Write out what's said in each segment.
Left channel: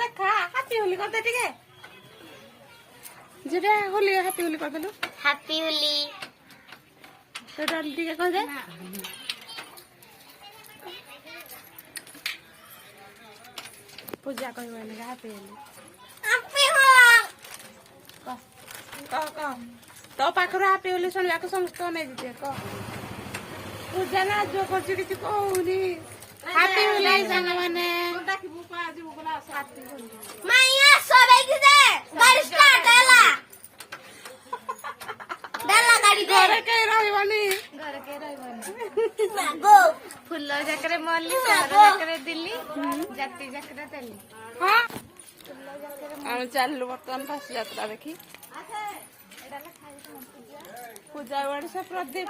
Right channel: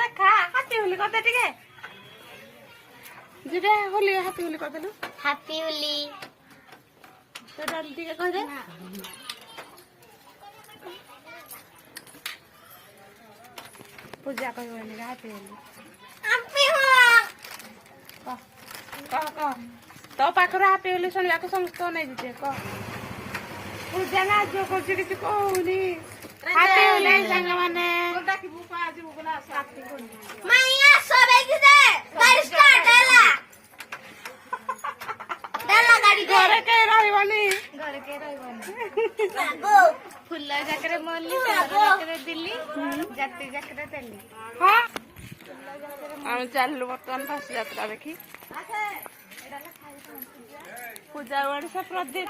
देखा हैप्पी होली कर दे ठीक है जेटा होली हैप्पी होली कर देलु हैप्पी होली तो डाल ठीक है कह दे पूजा कहबे नहीं हैप्पी होली कह तो पाखर हैप्पी होली सुनवा को समस्त नहीं दीजिए कह पूजा ना जो करछु किछ कहूनी हैप्पी होली संग माने डाकिबु पा आजिबु बोला हैप्पी होली मैया सबे की दे गाड़ी स्टार्ट हैला दाला गाड़ी घरे के रहबनी गो फुल जाकरे मल्ली जाकरे दिल्ली जाति जाकरे दिल्ली हां हम चललु वर्तमान फास्ट यात्रा देखी पूजा वाड़ी से प्रदीप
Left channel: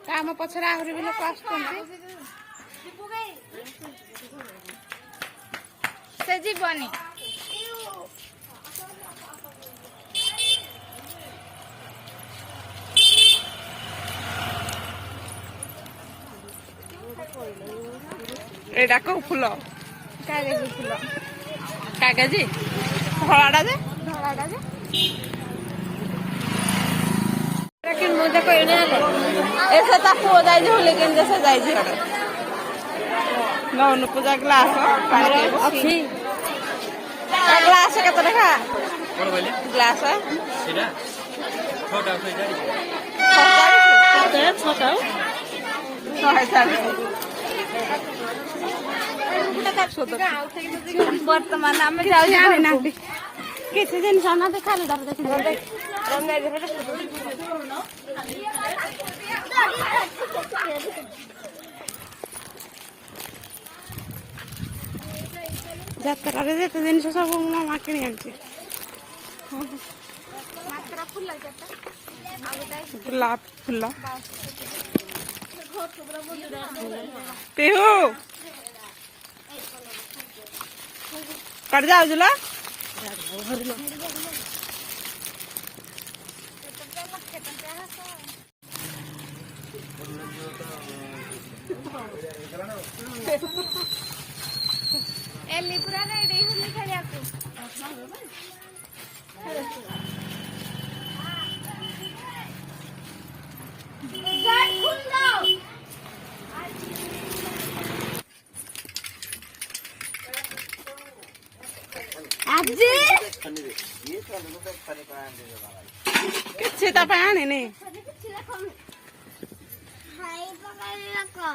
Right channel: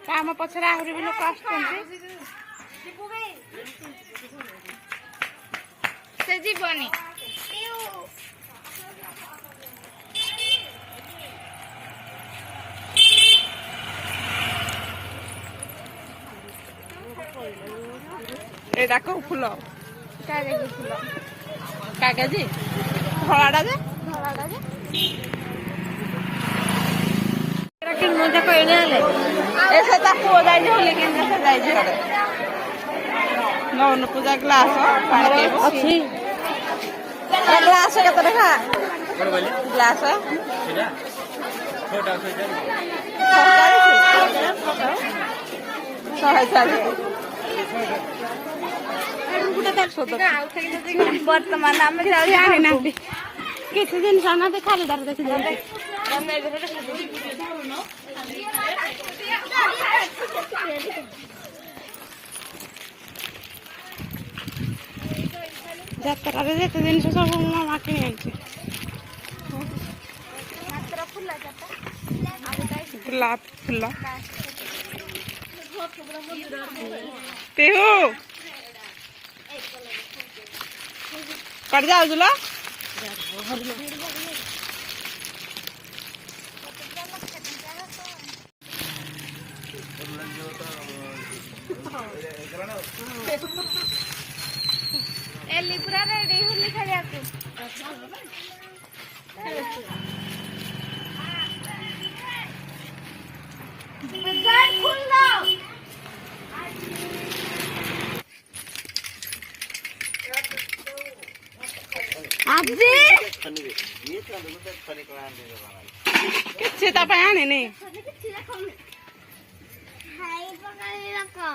काम पछरे आहुरी भी लोक आसुचंती से जीवनी एटा को फूल कागज फुल कागज धଳାଟା ଯେ किन मुझे कहने वाले ऐसा ता पुओ जाई होले किन जैसे जाई छड़े नौन पूजा ग्लास पानी पीबो अछि ग्लास केते देखा कोन बोले ग्लास सेटा छोटा छोटा वर्तमान आम किसी आने ना किसी दिन सामना देखा ले दर देखी যাত্রা রে যেতে জিনিস সব মামা কিনে আনছে গোলাপ ফুল तेहू कर जाओ जुला एली पूरा रेडी होली खाया के बाजार खुल जाओ आजी किच्छे ता पायाने नहीं हाय पकड़ रखो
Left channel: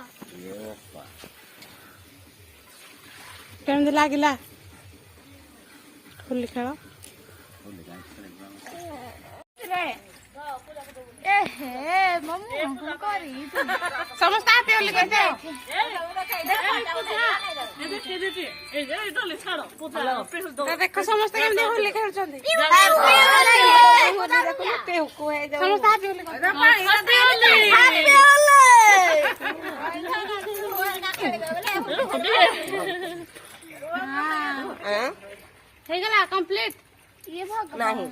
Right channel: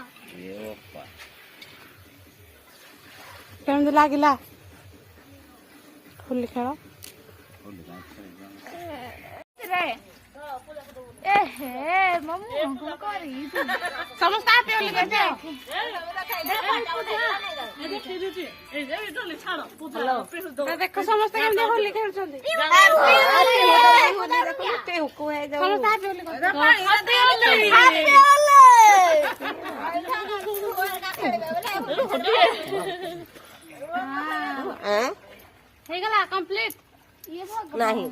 केमती लागिला होली खेल एहे मम्मी हमको करी समस्त आते होली के देखो समस्त केमती होली खेलछंती तेहू को है समस्त आते होली कंप्लीट ये भगवान नहीं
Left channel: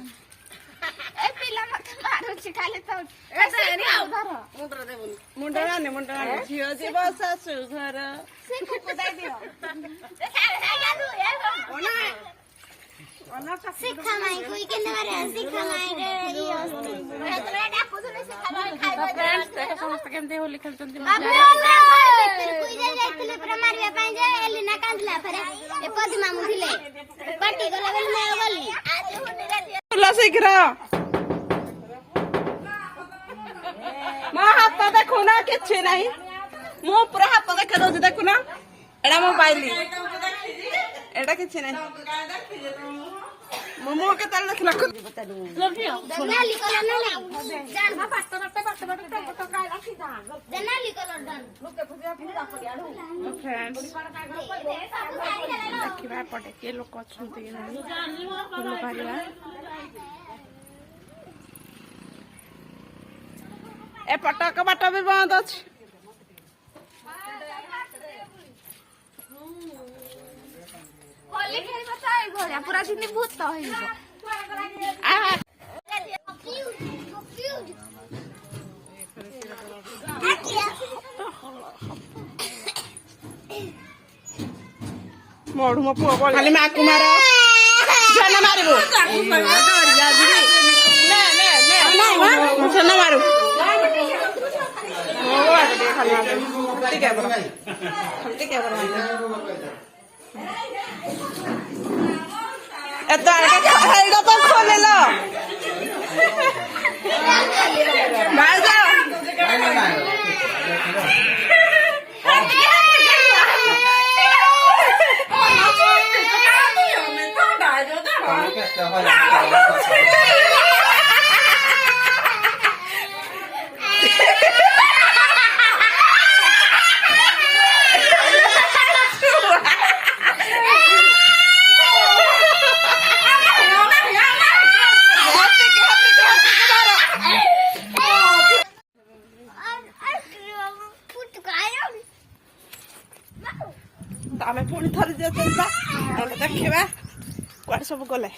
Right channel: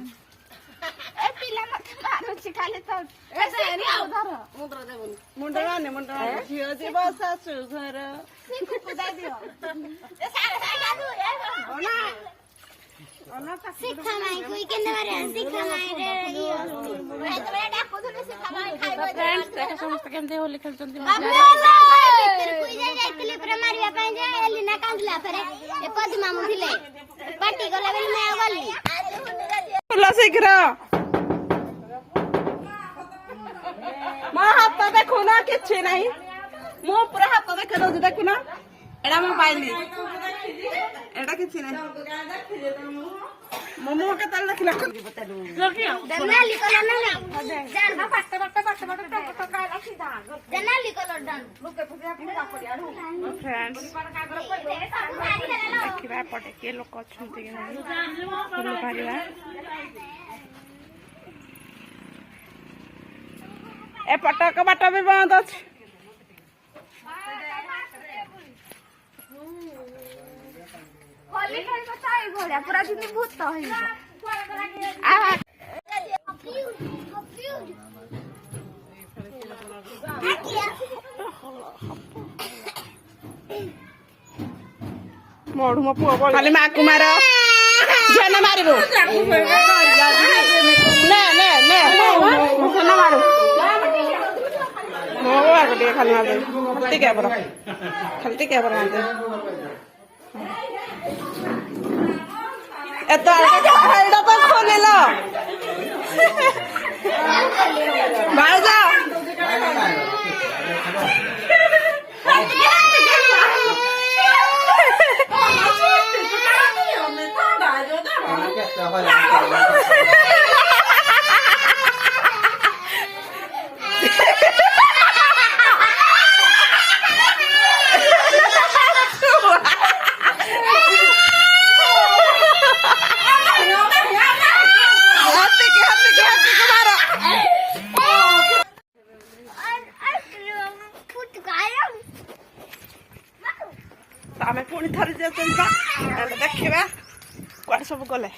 ए पिला मत मारो खाली तो ऐसे नहीं उधर मुंडा ने झियो जीव सासू घर सिखो दे दियो सिखा नहीं कोई के मारे सिखा नहीं रे यो बेटा कुछ नहीं सिखा नहीं खाई फ्रेंड्स देखो समस्त केमती होली खेलछंती फिर कोई जाइतले पर मारिया पई जे एलिना कांदला फेरे ए पद्मा मुथिले पार्टी गला बेली मैं गली फुला शीघ्र मो हाथ देखो ना किछि नहीं मो पूरा हाथ देखे दो देखो ना एडा मोबाइल एडा किछि नहीं मोमो के तल देखला जनाली कलर ना जाना पास्ता पास्ता तो का राखी दा जनाली कलर डन लोके फुजा पूरा पड़ियाडू फ्रेंड्स देखिबा पटे के लोक अछंती कि नहीं फुल पारिबा ए पटक बाट भी बंद अछि होली खेल बताए घोड़ा पूरा दिन भूत तो है आ ମଢୁ ମୋ ପୁଅ ବଳି ଖାଲି ମାକୁ ମାର ଝିଅନେ ମାରିବୁ ନେ ନେ ନେ ଝିଅନେ ମାରୁ ମୋ ବାଗ ଟିକେ ଖାଲି ମାରିଦେବି ଟିକେ ବର ଖାଲି ଟିକେ ବର ମାରିଦେବି ଏତ ଏଇଟା ତ ଖୋଲିଲ ଭାଉଜ ଆମେ ପୁଣି ଥରେ ଯିବା ଦେଖିବା କୁଆଡେ ସବୁ ଗଲେ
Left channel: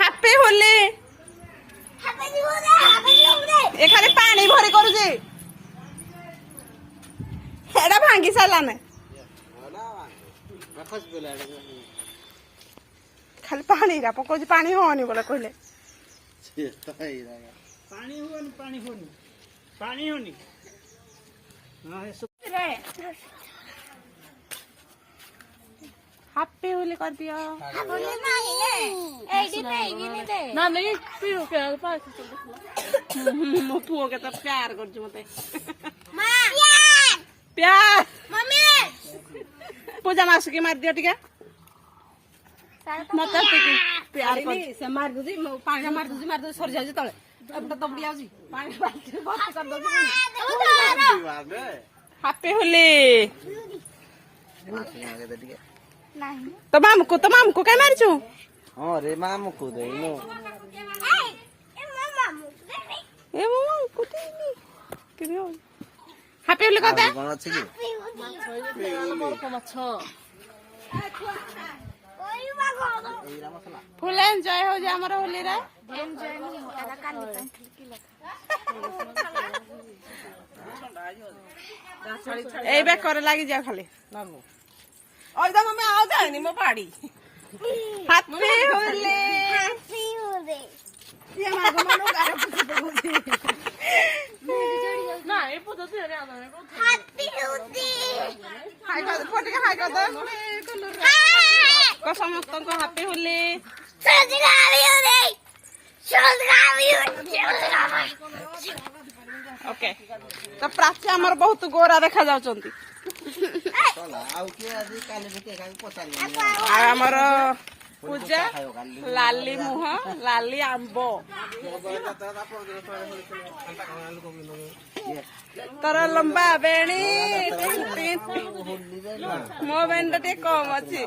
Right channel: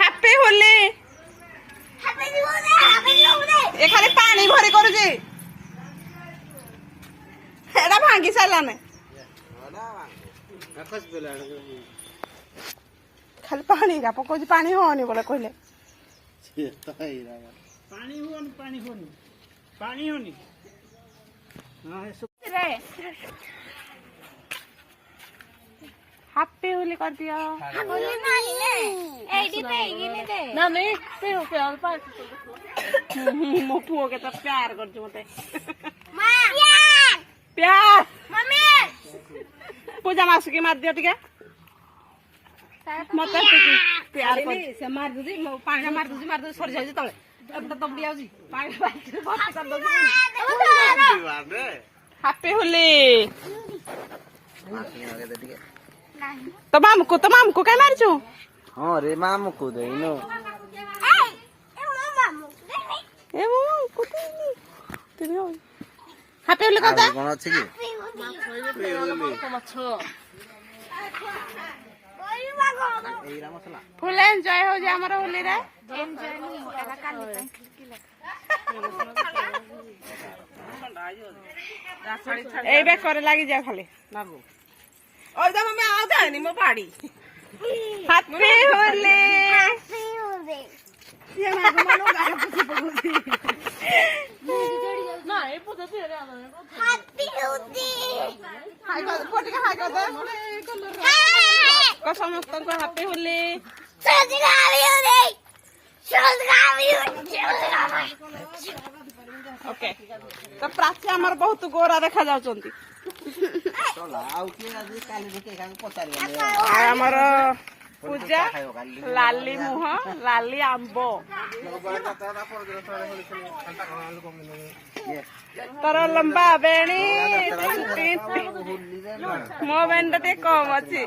ହାପି ହୋଲି ଏ ଖାଲି ପାଣି ଭରି କରୁଛି ଏଟା ଭାଙ୍ଗି ସାରିଲାନି ଖାଲି ପାଣି ପକଉଛି ପାଣି ହଉନି ବୋଲେ କହିଲେ ପାଣି ହଉନି ହାପି ହୋଲି କରିଦିଅ ମୋ ପୁଅ କେତେ ପ୍ୟାର କରୁଛି ମତେ ପ୍ୟାର ପୂଜା ମାସିକି ମାରିଦିଅ ଟିକେ ମତେ ପ୍ୟାର ସେ ମାରି ଦଉଛି ପାଣି ମାରି ଦଉଛି ସରି ଯାଉଛି ତଳେ ଏପଟେ ଦବଡ଼ି ଯାଉଛି ପାଣି ହାପି ହୋଲି ତ ମାମୁକୁ କାଇଁ ମାରିଛୁ ହଁ ରେ ମାମୁକୁ ଦେଇନୁ ହାପି ହୋଲି କଥା କଣ ଅଛି କି ଫୁଲ ଏନ୍ଜୟ ହଉଛି ଆମର ହୋଲିରେ ଏଇ ବେକରେ ଲାଗିଯାଅ ଖାଲି ଆଉ ଯାଏନି ମୋ ପାଡି ହାପି ହୋଲି ସମସ୍ତଙ୍କୁ ହାପି ହୋଲି ଓକେ ତ ପ୍ରାଚୀ ଆମର ବହୁତ ଗୋରା ଦେଖା ଯାଉଛନ୍ତି ଆଉ ଆମର ପୂଜା ଲାଲି ମୁହଁ ଲାଲି ଆମ୍ବ ତୋର ଲମ୍ବା ବେଣୀ ମୋ ବେଣୀଟା ଟିକେ କମ ଅଛି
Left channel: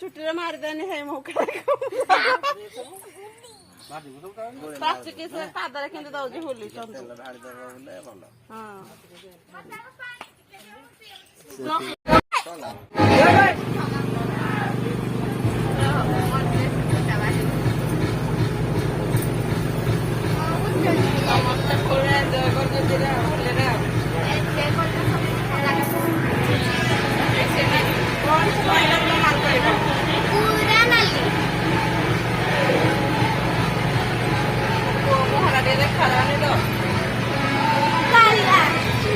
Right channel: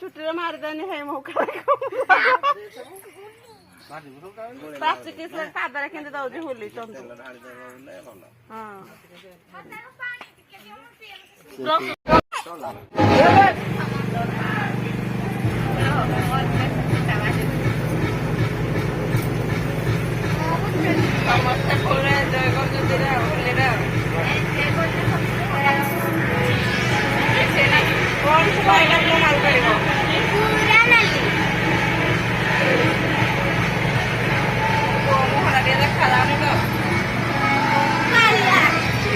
ଚୁଟିରେ ମାରିଦେନି ହେଇ ମୌକା ପ୍ରାଚୀ କି ସେ ପାଦରେ କେମିତି ଦଉଛି ହୋଲି ଚନ୍ଦୁ ସମସ୍ତେ ଫୁଲ ଏନ୍ଜୟ କରୁଛନ୍ତି ହୋଲିରେ କଣ ସବୁ ମାଲ କରିବ ମୁହଁଟା ଟିକେ ଦେଖାଯାଉନି ତ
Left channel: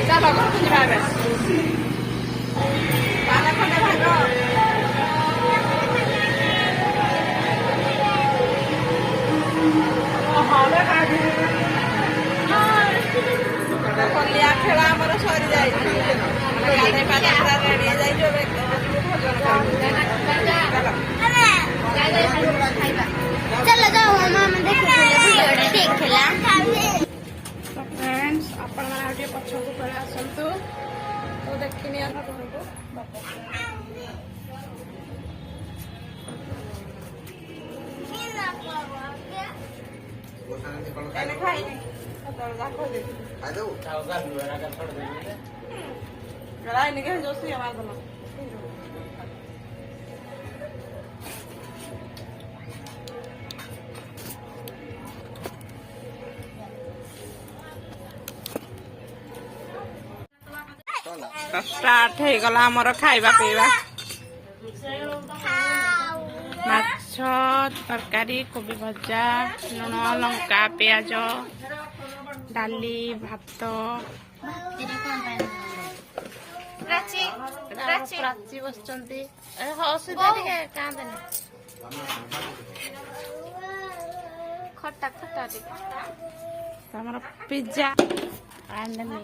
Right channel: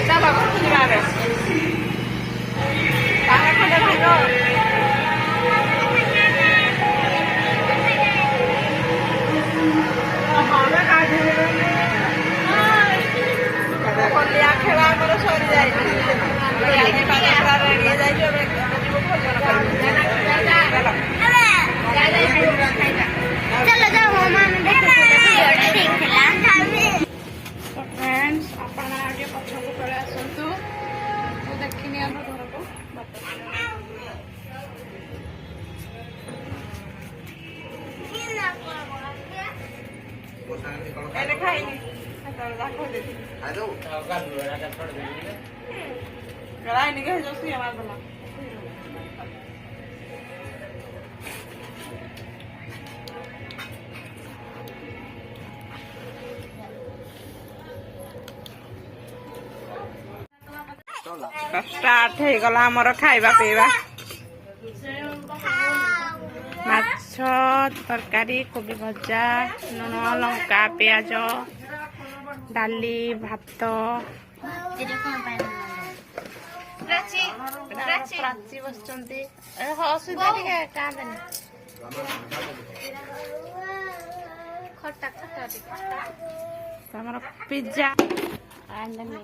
ଚାଲ ଖଣ୍ଡେ ହୋଲିଆ ଖେଳ ଆମର ସରି ଯାଇଛି ଗାଧେଇ ପାଧେଇ ପୁରା ରେଡି ହେଇଯାଇଛି ଏବେ ଯିବୁ ଭୋଜନ ଫ୍ରେଣ୍ଡସ୍ ଆପଣ ଟିକେ ପଛକୁ ପଳେଇ ଆସନ୍ତୁ ମୁଁ ଦେଖିନି ଆମ ଘରକୁ ଖାଇନି Galai ni guys, josi ya mas teman. Start हो गला हमर खाइबा पीवा माछ तरकारी कोबी भजा लुण लंका प्याज डाली भात प्राची बसचंती असुविधा टिके कांदनी खट्टा खट्टा तमर पिज्जा आंदनी